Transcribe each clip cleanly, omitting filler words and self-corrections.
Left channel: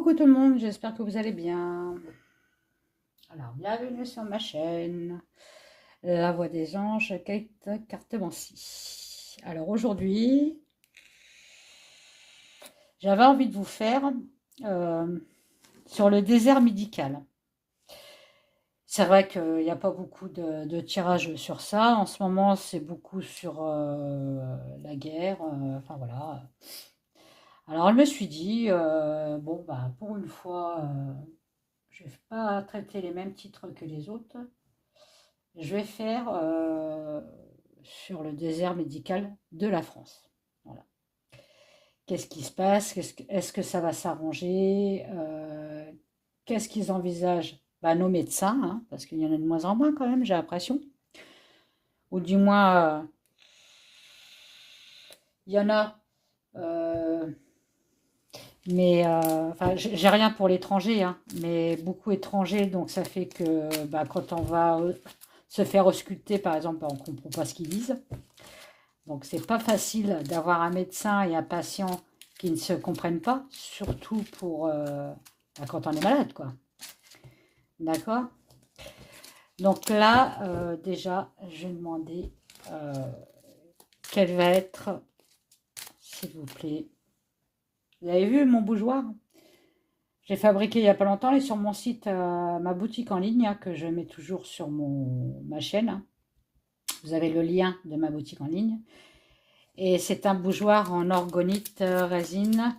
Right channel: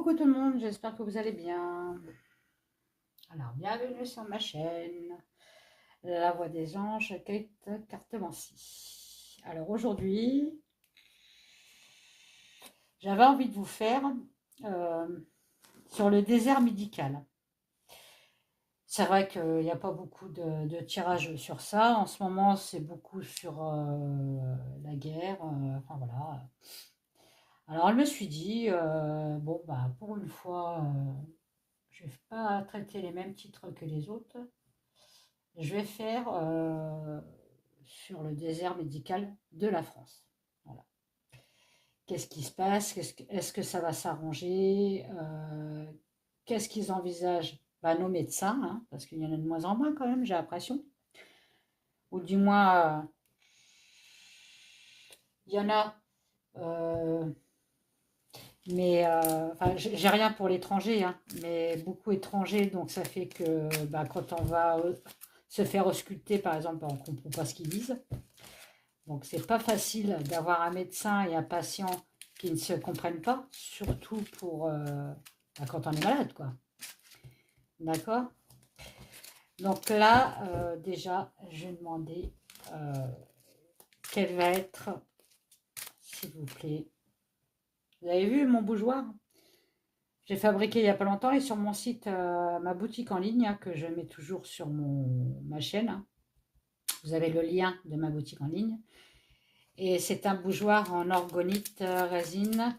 Coucou tout le monde, j'espère que vous allez bien. Alors, bienvenue sur ma chaîne, La Voix des Anges, Kate Cartemancy. Alors aujourd'hui, j'avais envie de vous faire euh, sur le désert médical. C'est vrai qu'il n'y a pas beaucoup de tirages sur ça. En ce moment, c'est beaucoup sur la guerre. Enfin voilà. Alors, je me suis dit, bon, bah, pour une fois, je ne vais pas traiter les mêmes titres que les autres. Je vais faire sur le désert médical de la France. Voilà. Qu'est-ce qui se passe? Est-ce que ça va s'arranger? Qu'est-ce qu'ils envisagent? Bah, nos médecins, hein, parce qu'il y en a de moins en moins quand même, j'ai l'impression. Ou du moins, il y en a, euh, mais enfin, j'ai rien pour l'étranger, hein, mais beaucoup étrangers, donc ça fait que bah, quand on va se faire ausculter, par exemple, bah, on ne comprend pas ce qu'ils disent. Donc c'est pas facile d'avoir un médecin et un patient qui ne se comprennent pas, surtout pour quand on est malade, quoi. D'accord? Donc là, déjà, je vais demander quel va être, s'il vous plaît. Vous avez vu mon bougeoir? J'ai fabriqué il n'y a pas longtemps et sur mon site, ma boutique en ligne, hein, que je mets toujours sur ma chaîne. Hein. Vous avez le lien de ma boutique en ligne. Et c'est un bougeoir en orgonite résine.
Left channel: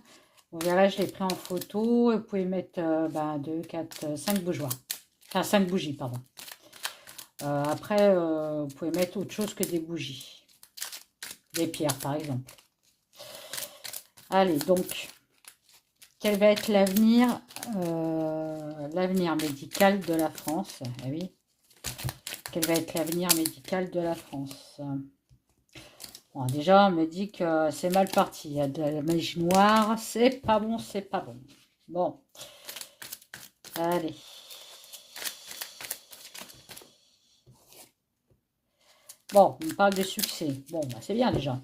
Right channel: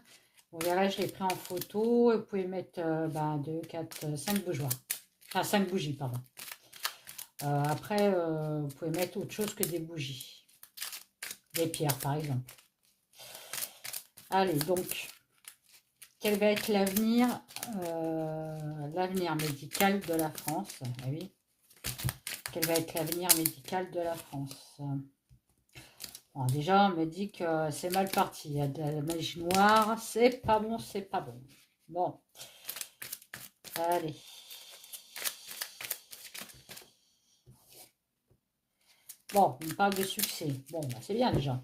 Vous verrez, je l'ai pris en photo. Vous pouvez mettre 2, 4, 5 bougeoirs. Enfin, 5 bougies, pardon. Après, vous pouvez mettre autre chose que des bougies. Des pierres, par exemple. Allez, donc, quel va être l'avenir médical de la France? Ah oui. Quel va être l'avenir médical de la France? Bon, déjà, on me dit que c'est mal parti. Il y a de la magie noire. C'est pas bon, c'est pas bon. Bon. Allez. Bon, on parle de succès. Bon, bah, c'est bien déjà.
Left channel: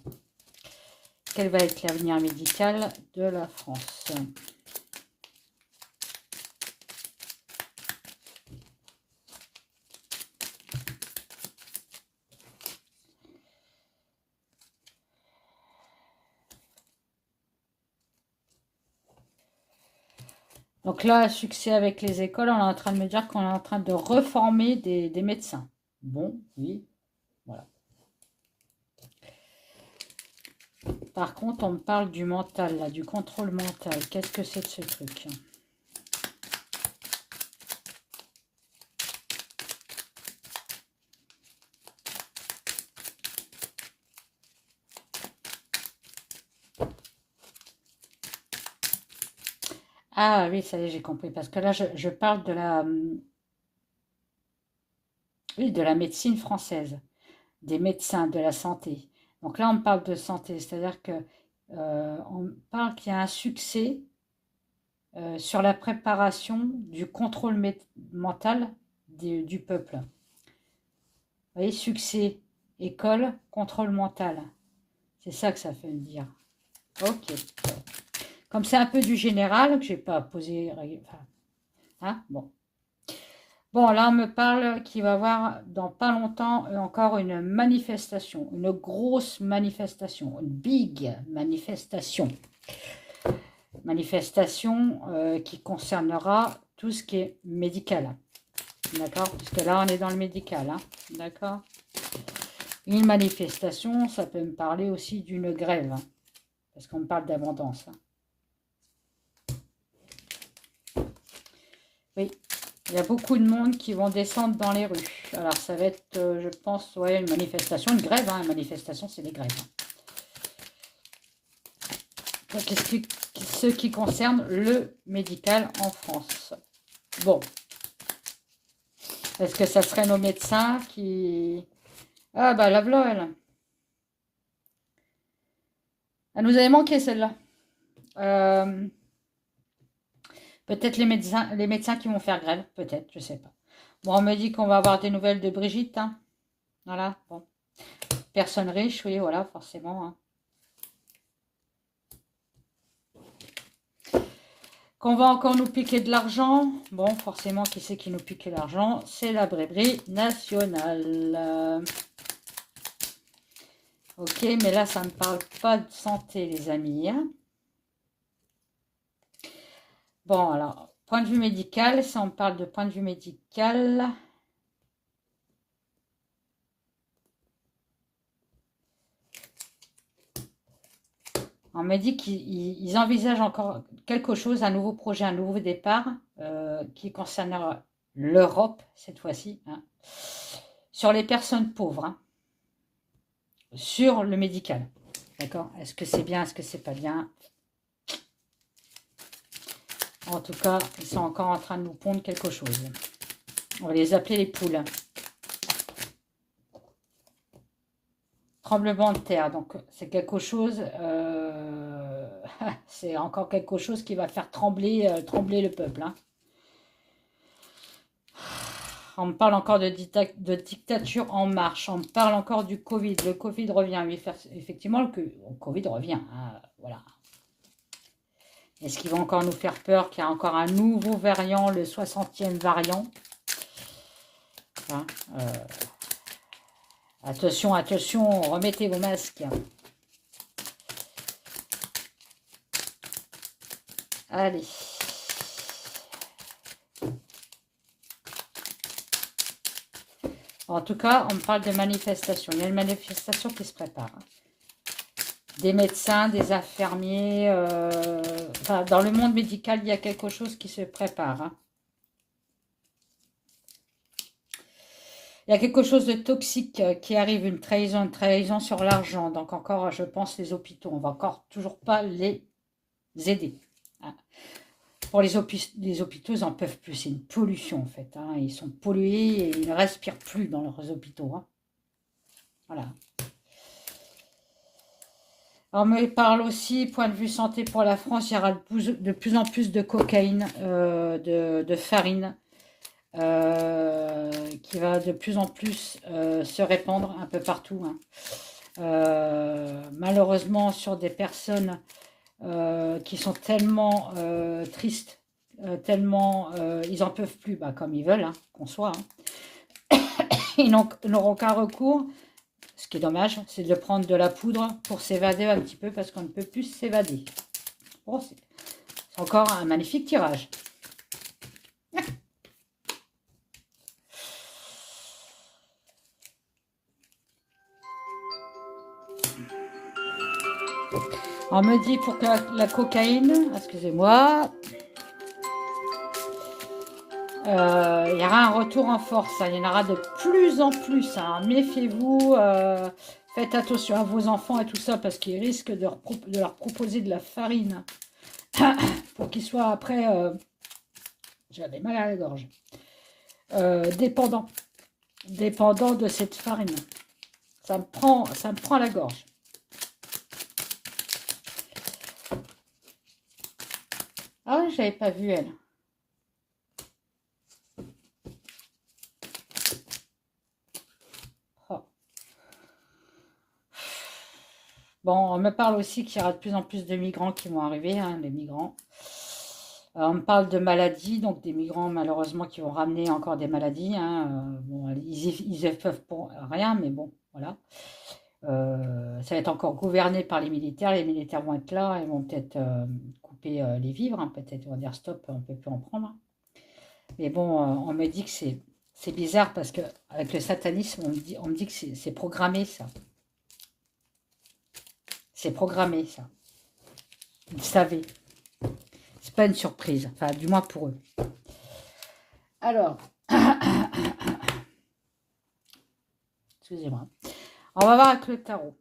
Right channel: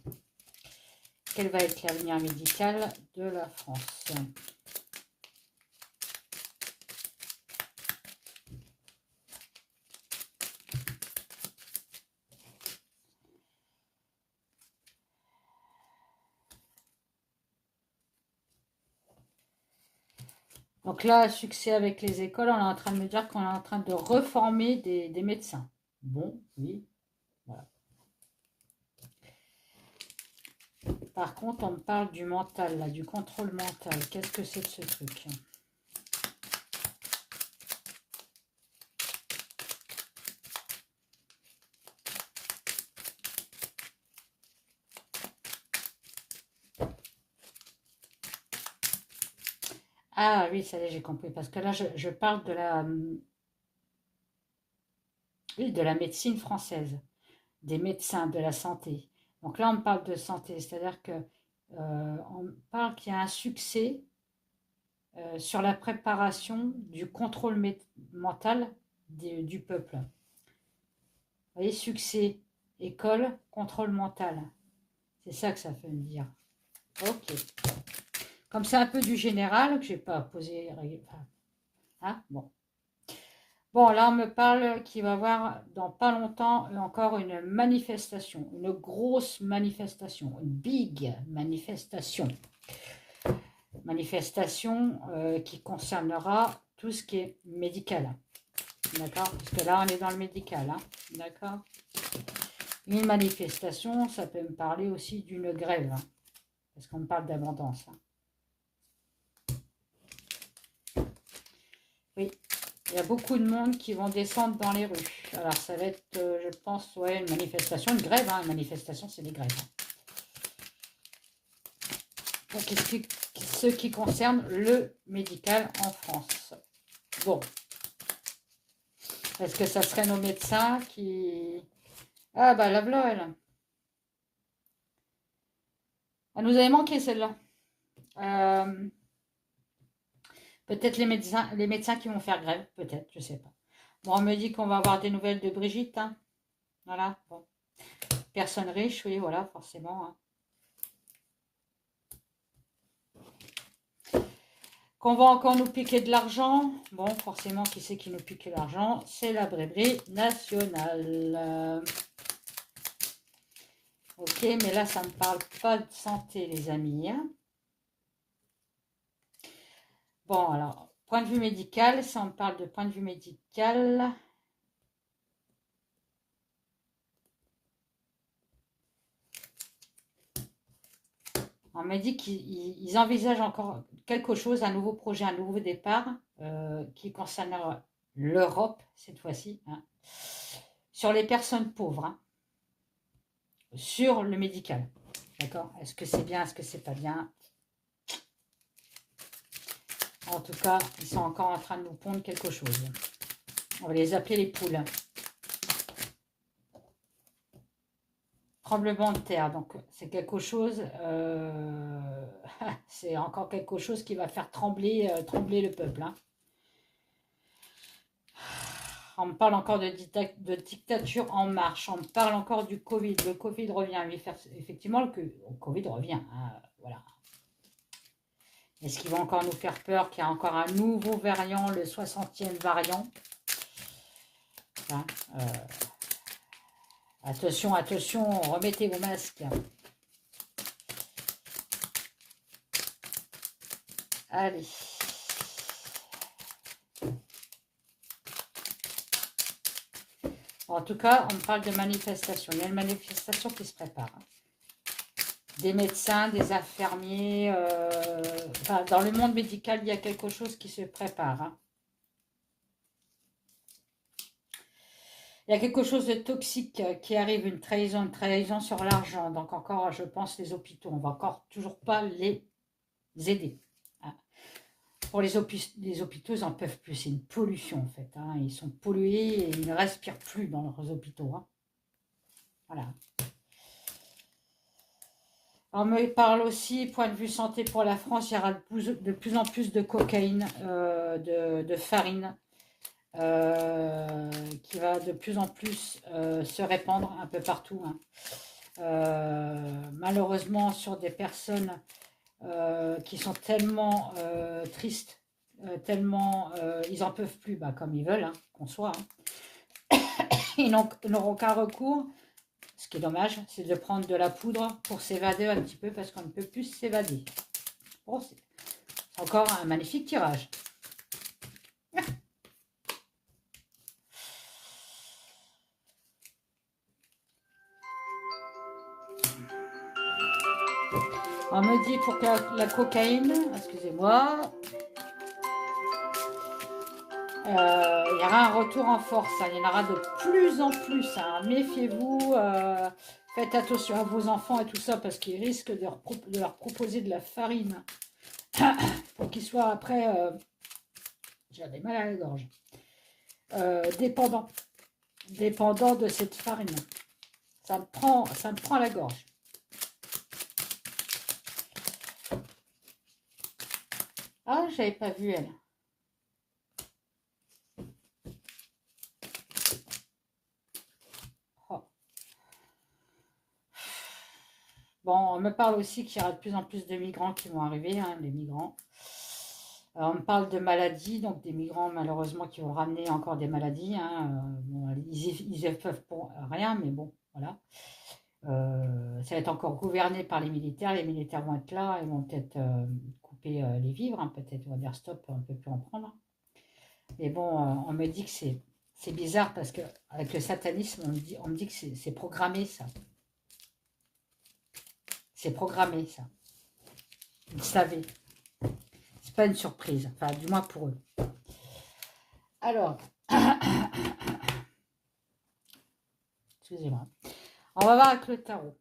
Quel va être l'avenir médical de la France? Donc là, succès avec les écoles, on est en train de me dire qu'on est en train de reformer des médecins. Bon, oui, voilà. Par contre, on me parle du mental, là, du contrôle mental. Qu'est-ce que c'est de ce truc? Ah oui, ça y est, j'ai compris. Parce que là, je parle oui, de la médecine française, des médecins, de la santé. Donc là, on parle de santé, c'est-à-dire que on parle qu'il y a un succès sur la préparation du contrôle mental du peuple. Vous voyez, succès, école, contrôle mental. C'est ça que ça veut dire. Ok. Comme c'est un peu du général, que je n'ai pas posé. Enfin, hein, bon. Bon, là, on me parle qu'il va y avoir dans pas longtemps encore une manifestation, une grosse manifestation, une big manifestation. Manifestation qui concernera tout ce qui est médical. D'accord? Parce que là, on est dans le médical. Hein, d'accord? Une manifestation, ça peut me parler aussi d'une grève. Hein, parce qu'on me parle d'abondance. Hein. Oui, il y a beaucoup de monde qui vont descendre dans les rues. Alors, ça va être, je pense, ouais, une manifestation, une grève. Hein. Une manifestation, c'est des grèves. Donc, ce qui concerne le médical en France. Bon. Est-ce que ça serait nos médecins qui... Ah, bah, la voilà, elle. Elle nous avait manqué, celle-là. Peut-être les médecins qui vont faire grève. Peut-être, je sais pas. Bon, on me dit qu'on va avoir des nouvelles de Brigitte. Hein. Voilà, bon. Personne riche, oui, voilà, forcément. Hein. Qu'on va encore nous piquer de l'argent. Bon, forcément, qui c'est qui nous pique l'argent? C'est la Braiderie Nationale. Ok, mais là, ça ne parle pas de santé, les amis. Hein. Bon, alors, point de vue médical, ça, on parle de point de vue médical. On m'a dit qu'ils envisagent encore quelque chose, un nouveau projet, un nouveau départ qui concernera l'Europe, cette fois-ci, hein, sur les personnes pauvres, hein, sur le médical. D'accord? Est-ce que c'est bien, est-ce que c'est pas bien? En tout cas, ils sont encore en train de nous pondre quelque chose. On va les appeler les poules. Tremblement de terre, donc c'est quelque chose, c'est encore quelque chose qui va faire trembler, trembler le peuple. Hein. On me parle encore de dictature en marche, on me parle encore du Covid, le Covid revient, effectivement le Covid revient, hein, voilà. Est-ce qu'ils vont encore nous faire peur qu'il y a encore un nouveau variant, le 60e variant? Hein, attention, attention, remettez vos masques. Allez. En tout cas, on me parle de manifestation. Il y a une manifestation qui se prépare. Des médecins, des infirmiers. Enfin, dans le monde médical, il y a quelque chose qui se prépare. Hein. Il y a quelque chose de toxique qui arrive, une trahison sur l'argent. Donc encore, je pense, les hôpitaux. On va encore toujours pas les aider. Hein. Pour les hôpitaux, ils n'en peuvent plus. C'est une pollution, en fait. Hein. Ils sont pollués et ils ne respirent plus dans leurs hôpitaux. Hein. Voilà. On me parle aussi, point de vue santé pour la France, il y aura de plus en plus de cocaïne, de farine, qui va de plus en plus se répandre un peu partout. Hein. Malheureusement, sur des personnes qui sont tellement tristes, tellement ils n'en peuvent plus, bah, comme ils veulent, hein, qu'on soit. Hein. Ils n'auront qu'un recours, ce qui est dommage, c'est de prendre de la poudre pour s'évader un petit peu, parce qu'on ne peut plus s'évader. Bon, c'est encore un magnifique tirage. On me dit pour que la cocaïne, excusez-moi, il y aura un retour en force. Hein, il y en aura de plus en plus. Hein, méfiez-vous, faites attention à vos enfants et tout ça, parce qu'ils risquent de leur proposer de la farine pour qu'ils soient après, j'avais mal à la gorge, dépendants de cette farine. Ça me prend la gorge. Ah, j'avais pas vu elle. Oh. Bon, on me parle aussi qu'il y aura de plus en plus de migrants qui vont arriver, hein, les migrants. On me parle de maladies, donc des migrants malheureusement qui vont ramener encore des maladies. Hein. Bon, ils ne peuvent pour rien, mais bon, voilà. Ça va être encore gouverné par les militaires. Les militaires vont être là, ils vont peut-être couper les vivres, hein, peut-être ils vont dire stop, on ne peut plus en prendre. Mais bon, on me dit que c'est bizarre parce qu'avec le satanisme, on me dit que c'est programmé ça. C'est programmé ça. Ils savaient. C'est pas une surprise, enfin du moins pour eux. Alors, excusez-moi. On va voir avec le tarot.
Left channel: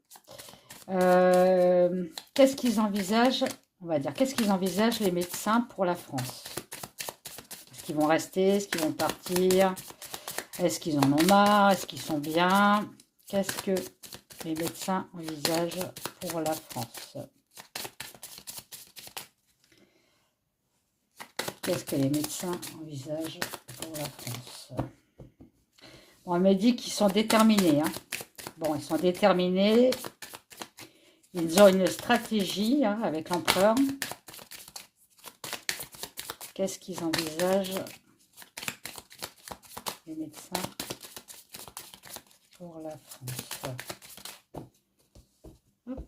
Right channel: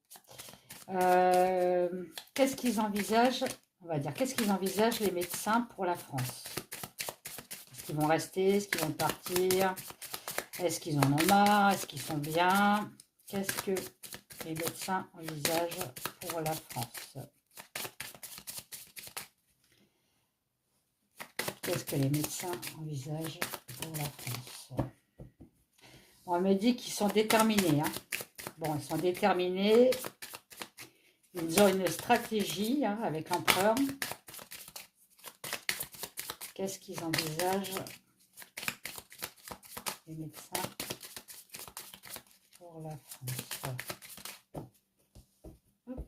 Qu'est-ce qu'ils envisagent? On va dire, qu'est-ce qu'ils envisagent les médecins pour la France? Est-ce qu'ils vont rester? Est-ce qu'ils vont partir? Est-ce qu'ils en ont marre? Est-ce qu'ils sont bien? Qu'est-ce que les médecins envisagent pour la France? Qu'est-ce que les médecins envisagent pour la France? Bon, on me dit qu'ils sont déterminés. Hein. Bon, ils sont déterminés. Ils ont une stratégie hein, avec l'empereur. Qu'est-ce qu'ils envisagent, les médecins, pour la France? Hop.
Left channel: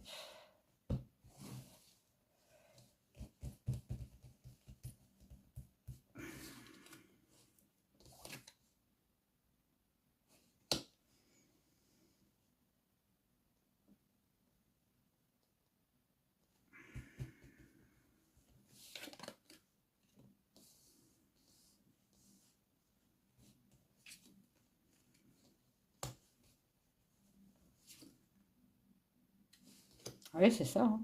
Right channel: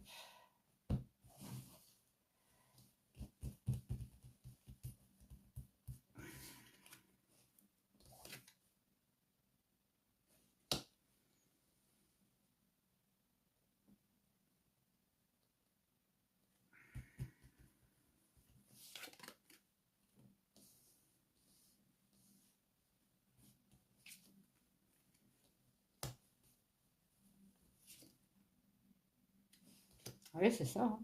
Oui, c'est ça, hein.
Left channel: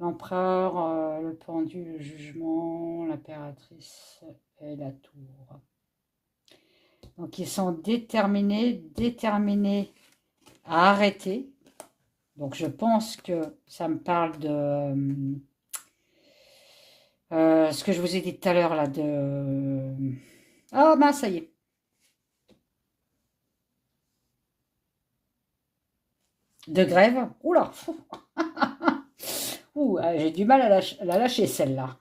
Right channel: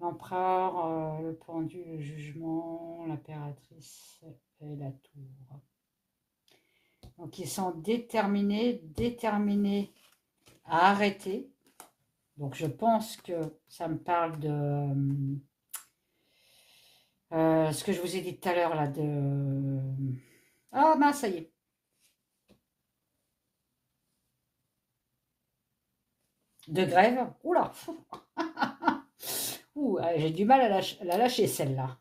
L'empereur, le pendu, le jugement, l'impératrice et la tour. Donc, ils sont déterminés à arrêter. Donc, je pense que ça me parle de ce que je vous ai dit tout à l'heure, là, de... Ah, mince, ça y est. De grève. Oula. Ouh, j'ai du mal à la lâcher, celle-là.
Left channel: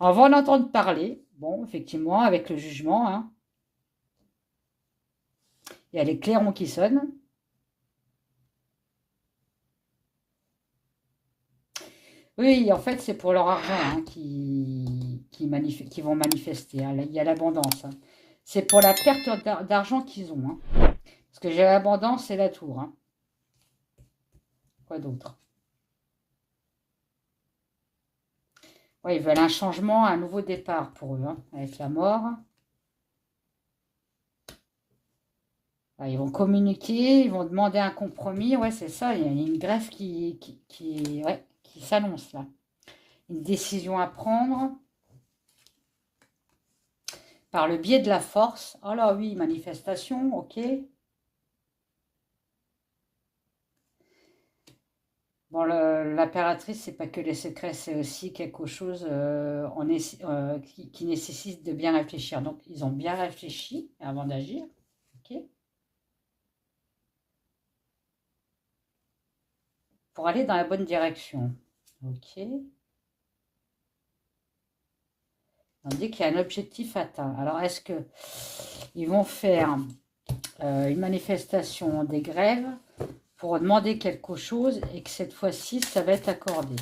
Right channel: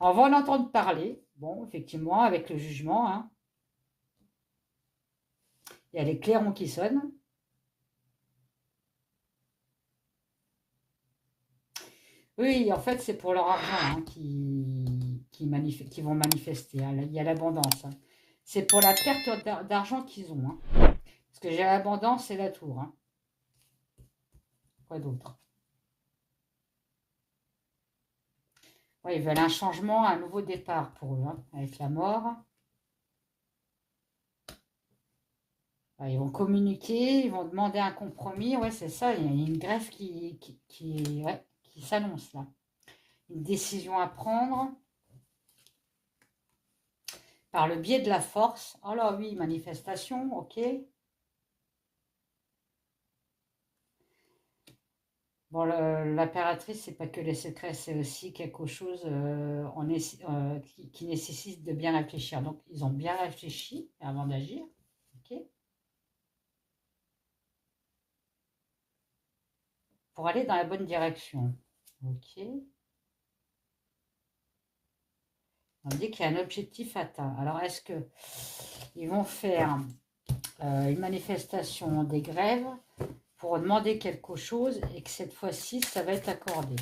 On va en entendre parler. Bon, effectivement, avec le jugement, hein. Il y a les clairons qui sonnent. Oui, en fait, c'est pour leur argent, hein, qui vont manifester, hein. Il y a l'abondance, hein. C'est pour la perte d'argent qu'ils ont, hein. Parce que j'ai l'abondance et la tour, hein. Quoi d'autre? Ouais, ils veulent un changement, un nouveau départ pour eux, hein, avec la mort. Ils vont communiquer, ils vont demander un compromis. Ouais, c'est ça, il y a une greffe ouais, qui s'annonce là. Une décision à prendre par le biais de la force. Oh là oui, manifestation, ok. Bon, l'impératrice, c'est pas que les secrets, c'est aussi quelque chose qui nécessite de bien réfléchir. Donc, ils ont bien réfléchi avant d'agir. Ok. Pour aller dans la bonne direction. Ok. On dit qu'il y a un objectif atteint. Alors, est-ce que ils vont faire une manifestation, des grèves pour demander quelque chose et que cette fois-ci, ça va être accordé?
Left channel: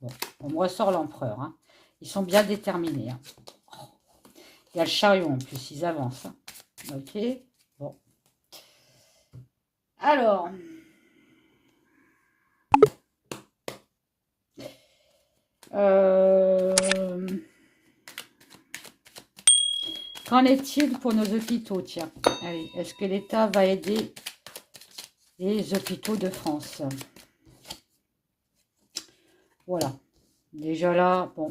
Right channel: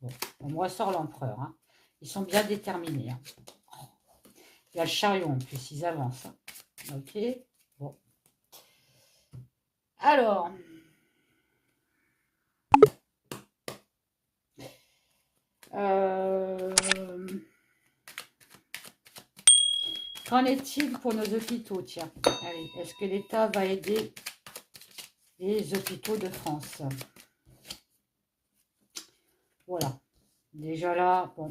Bon, on me ressort l'empereur, hein. Ils sont bien déterminés, hein. Il y a le chariot en plus, ils avancent, hein. Ok. Bon. Alors... qu'en est-il pour nos hôpitaux? Tiens, allez, est-ce que l'État va aider les hôpitaux de France? Voilà. Déjà là, bon,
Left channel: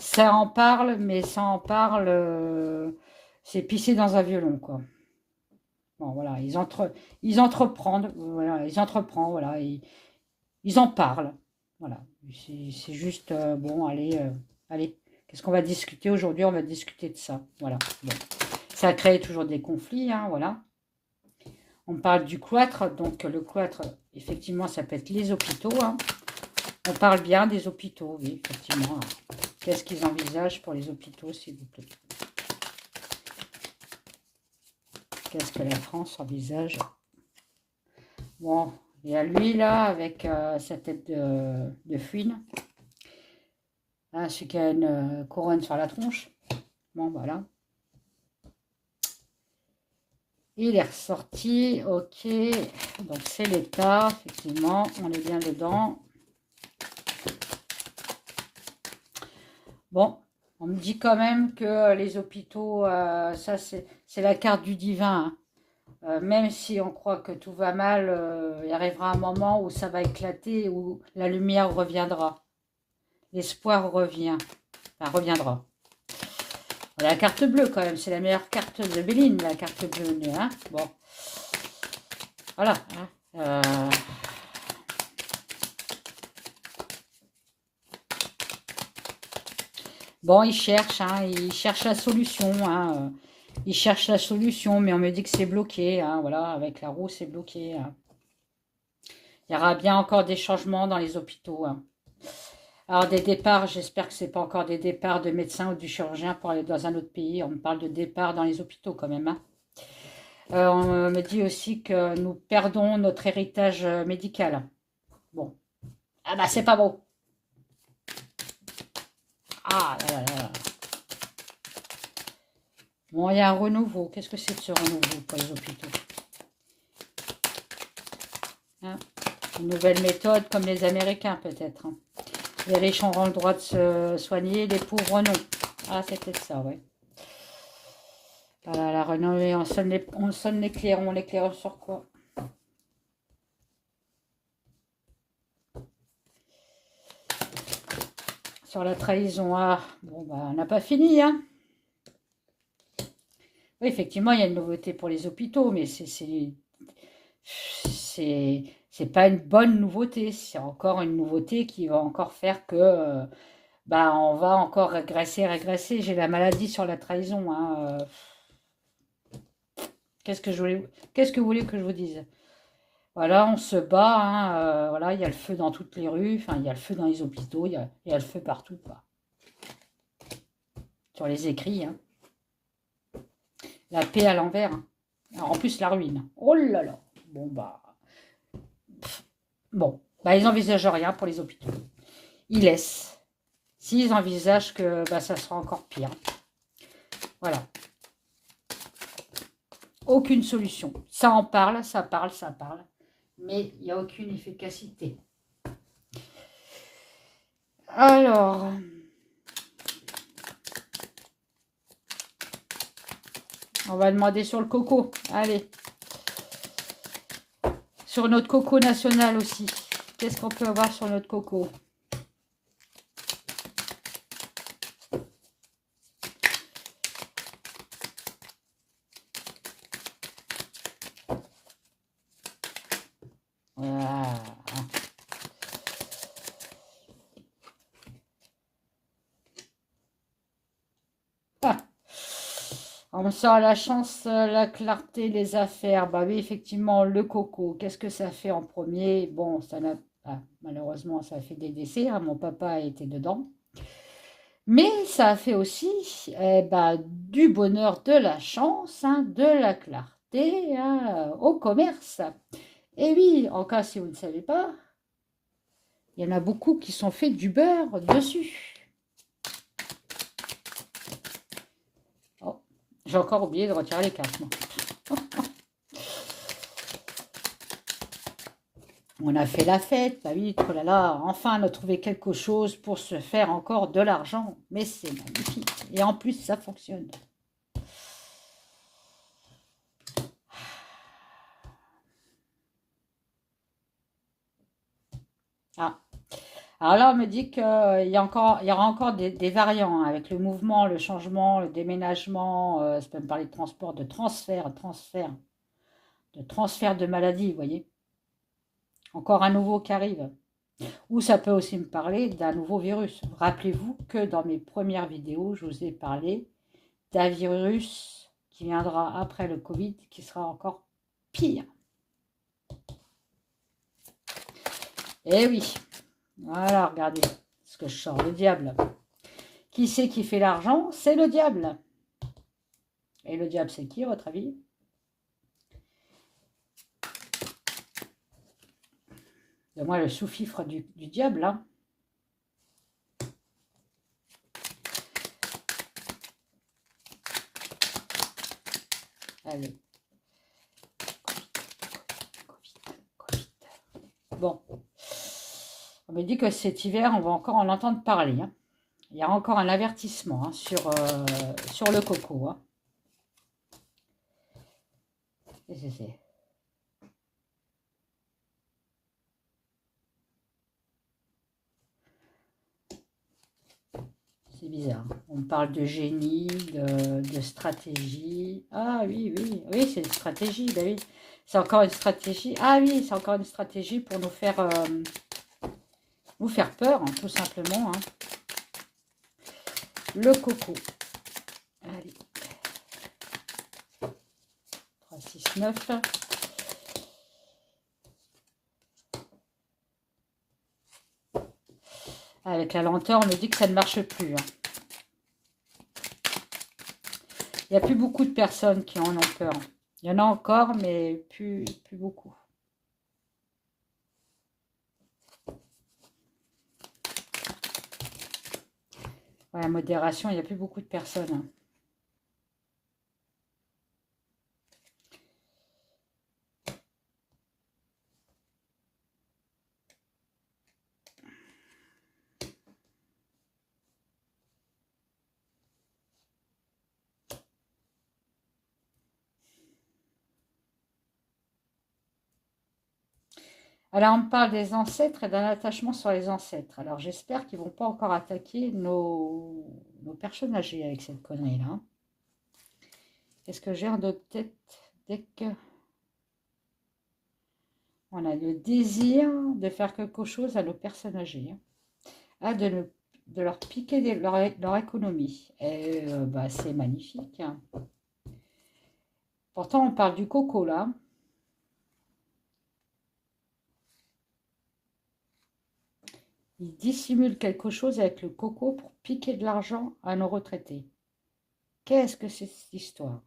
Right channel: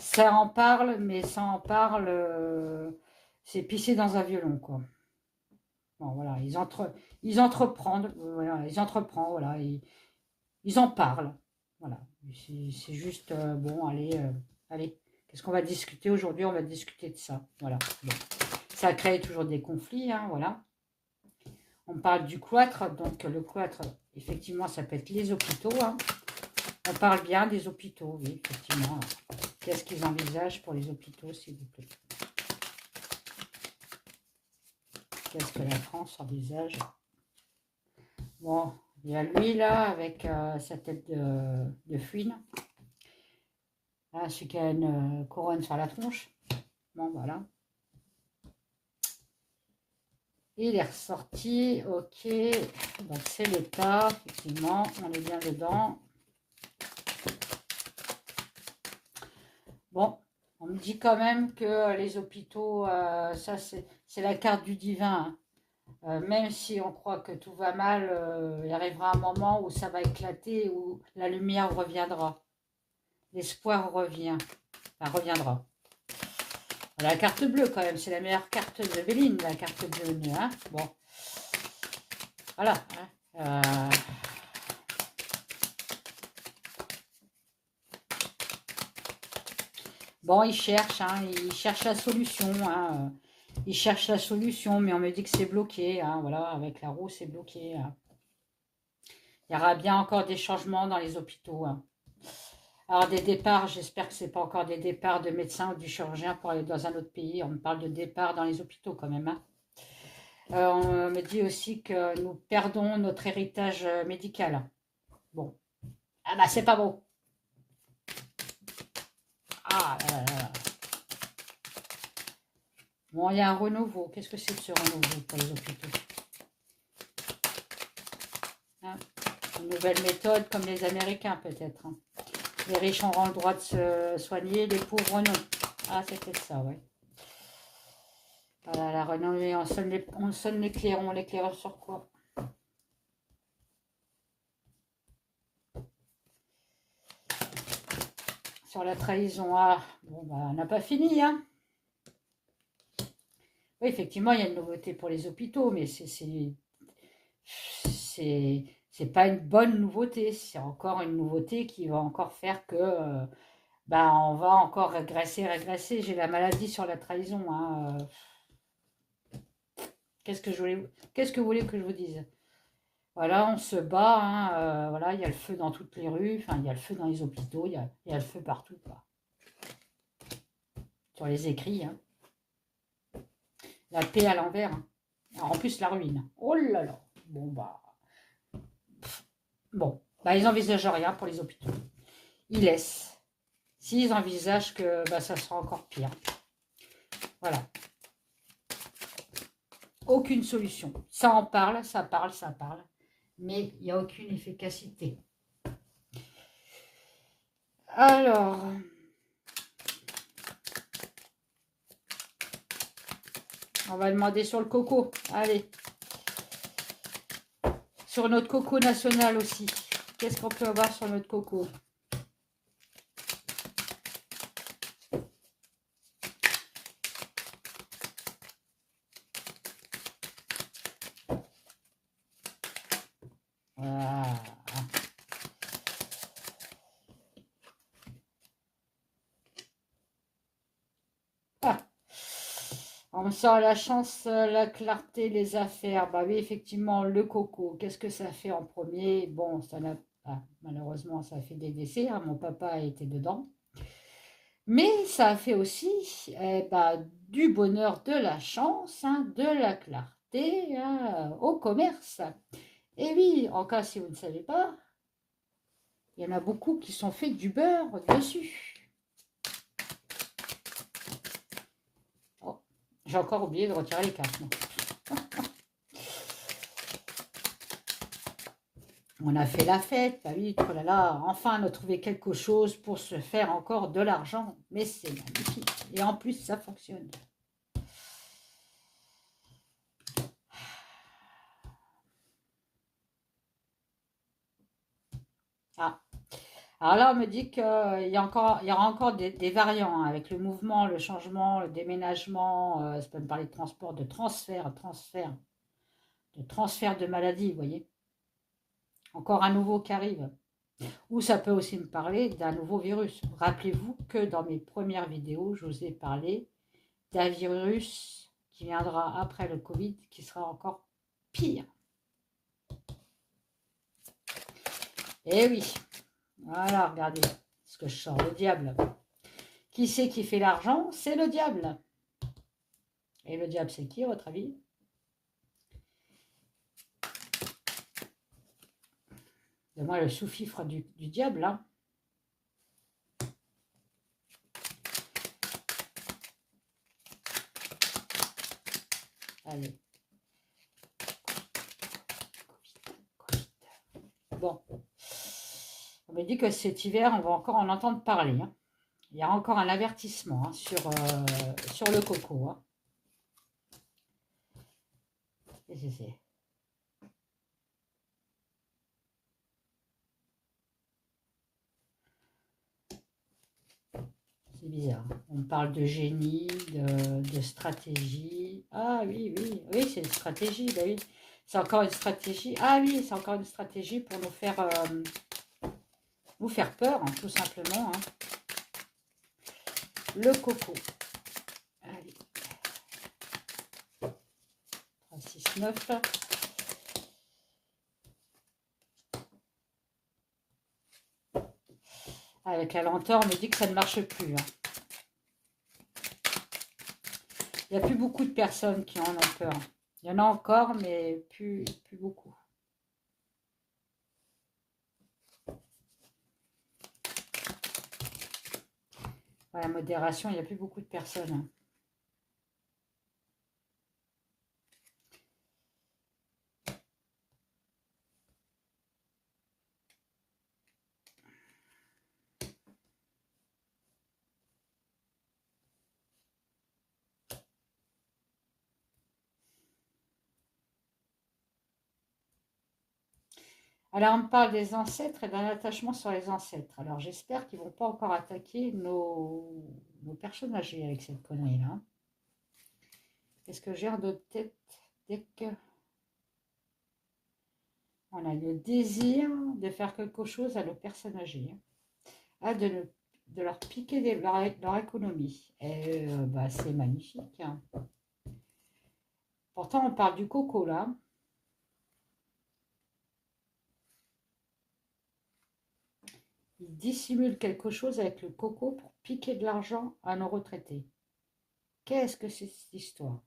ça en parle, mais ça en parle, c'est pisser dans un violon, quoi. Bon, voilà, ils entreprennent, voilà, voilà, ils en parlent, voilà. C'est juste, bon, allez, qu'est-ce qu'on va discuter aujourd'hui? On va discuter de ça, voilà. Bon. Ça crée toujours des conflits, hein, voilà. On parle du cloître, donc le cloître, effectivement, ça peut être les hôpitaux, hein. On parle bien des hôpitaux, oui, effectivement. Qu'est-ce qu'ils envisagent pour les hôpitaux, s'il vous plaît? Qu'est-ce que la France envisage? Bon, il y a lui, là, avec sa tête de fouine. Ah, celui qui a une couronne sur la tronche. Bon, voilà. Il est ressorti, ok. Donc, c'est l'État, effectivement, on est bien dedans. Bon, on me dit quand même que les hôpitaux, ça c'est la carte du divin, hein. Même si on croit que tout va mal, il arrivera un moment où ça va éclater, où la lumière reviendra. L'espoir reviendra. La carte bleue quand même, c'est la meilleure carte de Béline, la carte bleue, hein. Bon, voilà, hein. Bon, ils cherchent, hein, ils cherchent la solution, hein. Ils cherchent la solution, mais on me dit que c'est bloqué, hein, voilà, avec la roue, c'est bloqué, hein. Il y aura bien encore des changements dans les hôpitaux, hein. Alors des départs, j'espère que c'est pas encore des départs de médecins ou du chirurgien pour aller dans un autre pays. On parle de départs dans les hôpitaux quand même, hein. On me dit aussi que nous perdons notre héritage médical. Bon, ah bah c'est pas bon. Ah là là là. Bon, il y a un renouveau. Qu'est-ce que c'est que ce renouveau pour les hôpitaux? Hein, une nouvelle méthode comme les Américains peut-être, hein. Les riches auront le droit de se soigner, les pauvres non. Ah, c'est peut-être ça, oui. Voilà, la renommée, on sonne l'éclair, on l'éclaire sur quoi? Sur la trahison. Ah, bon, bah, on n'a pas fini, hein. Oui, effectivement, il y a une nouveauté pour les hôpitaux, mais c'est pas une bonne nouveauté. C'est encore une nouveauté qui va encore faire que bah, on va encore régresser, régresser. J'ai la maladie sur la trahison, hein. Qu'est-ce que vous voulez que je vous dise? Voilà, on se bat, hein, voilà, il y a le feu dans toutes les rues, enfin, il y a le feu dans les hôpitaux, il y a le feu partout, quoi. Sur les écrits, hein. La paix à l'envers, hein. Alors, en plus, la ruine. Oh là là. Bon, bah, ils n'envisagent rien pour les hôpitaux. Ils laissent. S'ils envisagent que bah, ça sera encore pire. Voilà. Aucune solution. Ça en parle, ça parle, ça parle. Mais il n'y a aucune efficacité. Alors, on va demander sur le coco. Allez. Sur notre coco national aussi. Qu'est-ce qu'on peut avoir sur notre coco? Voilà. Ah. On sent la chance, la clarté, les affaires. Bah oui, effectivement, le coco. Qu'est-ce que ça fait en premier? Bon, ça n'a malheureusement, ça a fait des décès, hein. Mon papa a été dedans. Mais ça a fait aussi bah, du bonheur, de la chance, hein, de la clarté, hein, au commerce. Et oui, en cas si vous ne savez pas, il y en a beaucoup qui sont faits du beurre dessus. Oh, j'ai encore oublié de retirer les cartes. On a fait la fête, bah oui, oh là là, enfin on a trouvé quelque chose pour se faire encore de l'argent. Mais c'est magnifique. Et en plus, ça fonctionne. Ah. Alors là, on me dit qu'il y aura encore des variants, hein, avec le mouvement, le changement, le déménagement, ça peut me parler de transport, de transfert de maladie, vous voyez. Encore un nouveau qui arrive. Ou ça peut aussi me parler d'un nouveau virus. Rappelez-vous que dans mes premières vidéos, je vous ai parlé d'un virus qui viendra après le Covid, qui sera encore pire. Eh oui, voilà, regardez ce que je sors, le diable. Qui c'est qui fait l'argent? C'est le diable. Et le diable, c'est qui, à votre avis? C'est moi le sous-fifre du diable, hein. Allez. Covid. Bon. On me dit que cet hiver, on va encore en entendre parler, hein. Il y a encore un avertissement, hein, sur le coco, hein. C'est bizarre. On parle de génie, de stratégie. Ah oui, oui, oui, c'est une stratégie. Ben oui. C'est encore une stratégie. Ah oui, c'est encore une stratégie pour nous faire peur, hein, tout simplement, hein. Le coco. Allez. 3, 6, 9. avec la lenteur, on me dit que ça ne marche plus. Hein. Il n'y a plus beaucoup de personnes qui en ont peur. Il y en a encore, mais plus beaucoup. Ouais, modération, il n'y a plus beaucoup de personnes. Hein. Alors, on me parle des ancêtres et d'un attachement sur les ancêtres. Alors, j'espère qu'ils ne vont pas encore attaquer nos personnes âgées avec cette connerie-là. Est-ce que j'ai de tête dès que on a le désir de faire quelque chose à nos personnes âgées, hein, de leur piquer leur économie. Et bah, c'est magnifique. Hein. Pourtant, on parle du coco là. Ils dissimulent quelque chose avec le coco pour piquer de l'argent à nos retraités. Qu'est-ce que c'est cette histoire?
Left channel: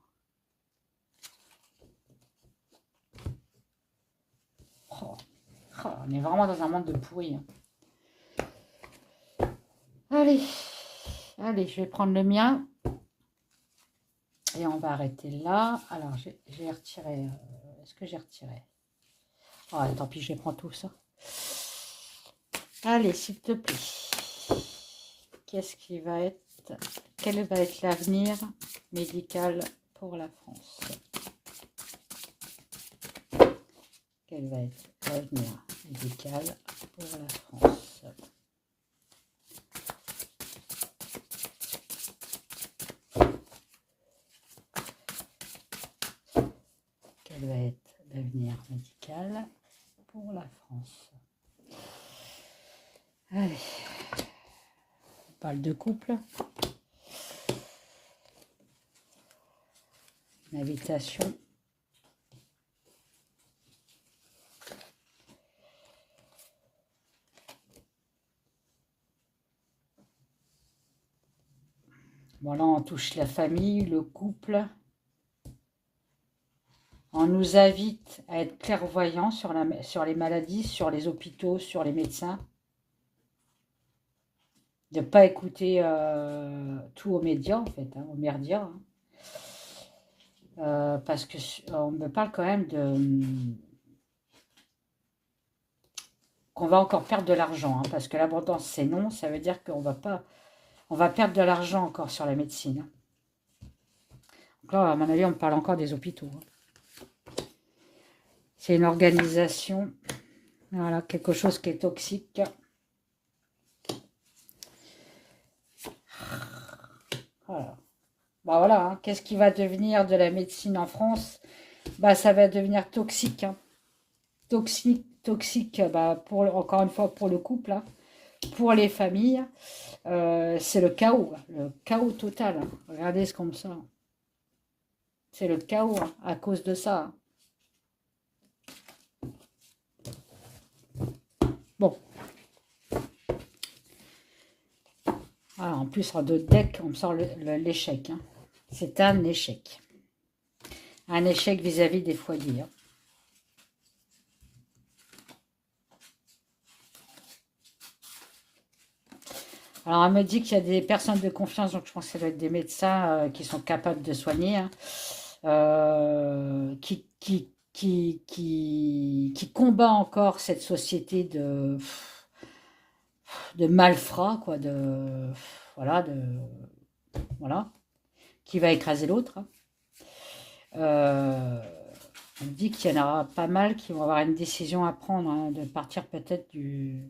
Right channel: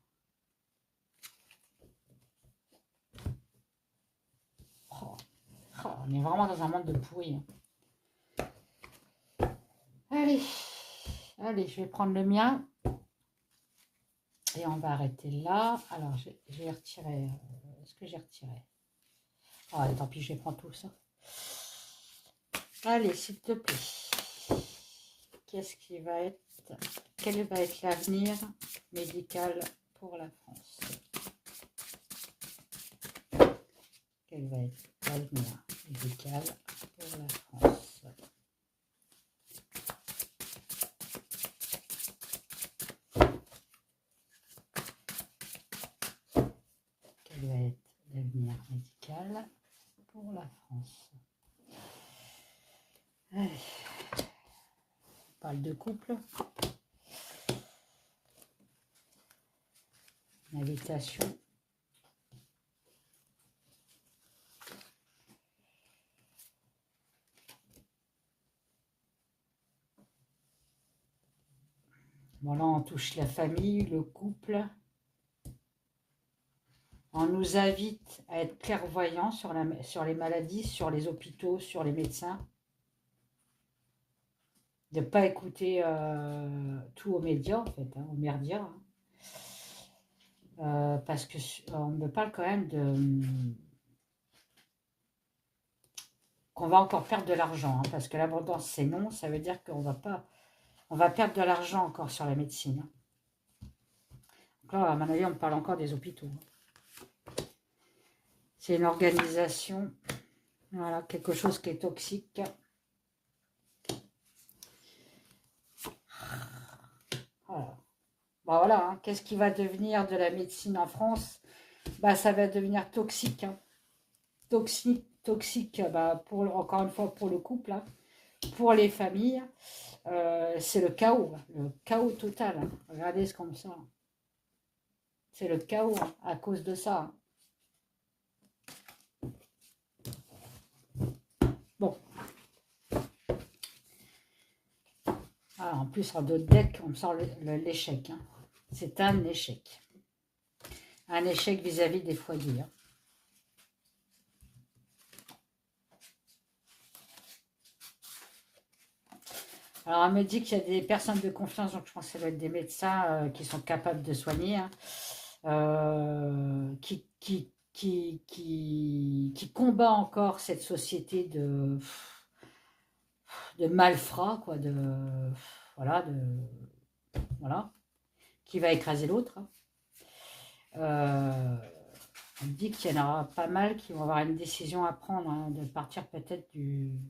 Oh, oh, on est vraiment dans un monde de pourri. Hein. Allez, allez, je vais prendre le mien. Et on va arrêter là. Alors, j'ai retiré. Est-ce que j'ai retiré? Oh, tant pis, je vais prendre tout ça. Allez, s'il te plaît. Qu'est-ce qui va être... Quel va être l'avenir médical pour la France? Quel va être l'avenir médical pour la France? Quel va être l'avenir médical pour la France? Allez. On parle de couple. Une invitation. Voilà, on touche la famille, le couple. On nous invite à être clairvoyants sur les maladies, sur les hôpitaux, sur les médecins. De ne pas écouter tout aux médias, en fait, hein, aux merdias. Hein. Parce qu'on me parle quand même qu'on va encore perdre de l'argent. Hein, parce que l'abondance, c'est non. Ça veut dire qu'on va perdre de l'argent encore sur la médecine. Hein. Donc là, à mon avis, on me parle encore des hôpitaux. Hein. C'est une organisation, voilà, quelque chose qui est toxique. Voilà. Bah voilà, hein. Qu'est-ce qui va devenir de la médecine en France? Bah ça va devenir toxique. Hein. Toxique, bah, encore une fois pour le couple, hein. Pour les familles. C'est le chaos total. Hein. Regardez ce comme ça. C'est le chaos hein, à cause de ça. Hein. Bon. Ah, en plus, en deux decks, on me sort l'échec. Hein. C'est un échec. Un échec vis-à-vis des foyers. Hein. Alors, elle me dit qu'il y a des personnes de confiance, donc je pense que ça doit être des médecins qui sont capables de soigner, hein, qui combat encore cette société de malfrats, quoi, voilà, qui va écraser l'autre. Hein. On me dit qu'il y en aura pas mal qui vont avoir une décision à prendre, hein, de partir peut-être du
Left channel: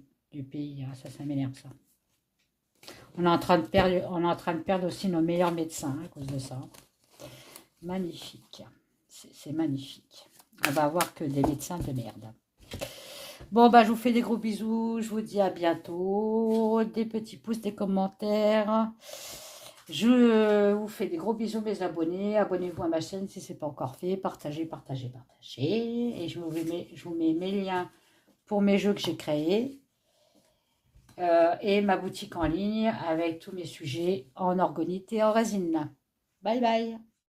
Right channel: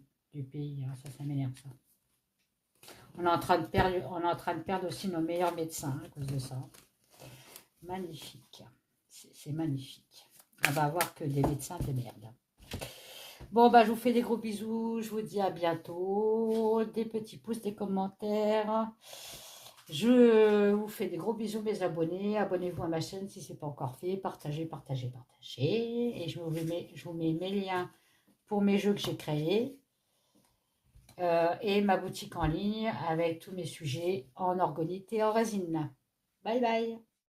pays. Hein. Ça m'énerve, ça. On est en train de perdre aussi nos meilleurs médecins hein, à cause de ça. Magnifique. C'est magnifique. On va avoir que des médecins de merde. Bon, bah, je vous fais des gros bisous. Je vous dis à bientôt. Des petits pouces, des commentaires. Je vous fais des gros bisous, mes abonnés. Abonnez-vous à ma chaîne si ce n'est pas encore fait. Partagez, partagez, partagez. Et je vous mets mes liens pour mes jeux que j'ai créés. et ma boutique en ligne avec tous mes sujets en orgonite et en résine. Bye bye!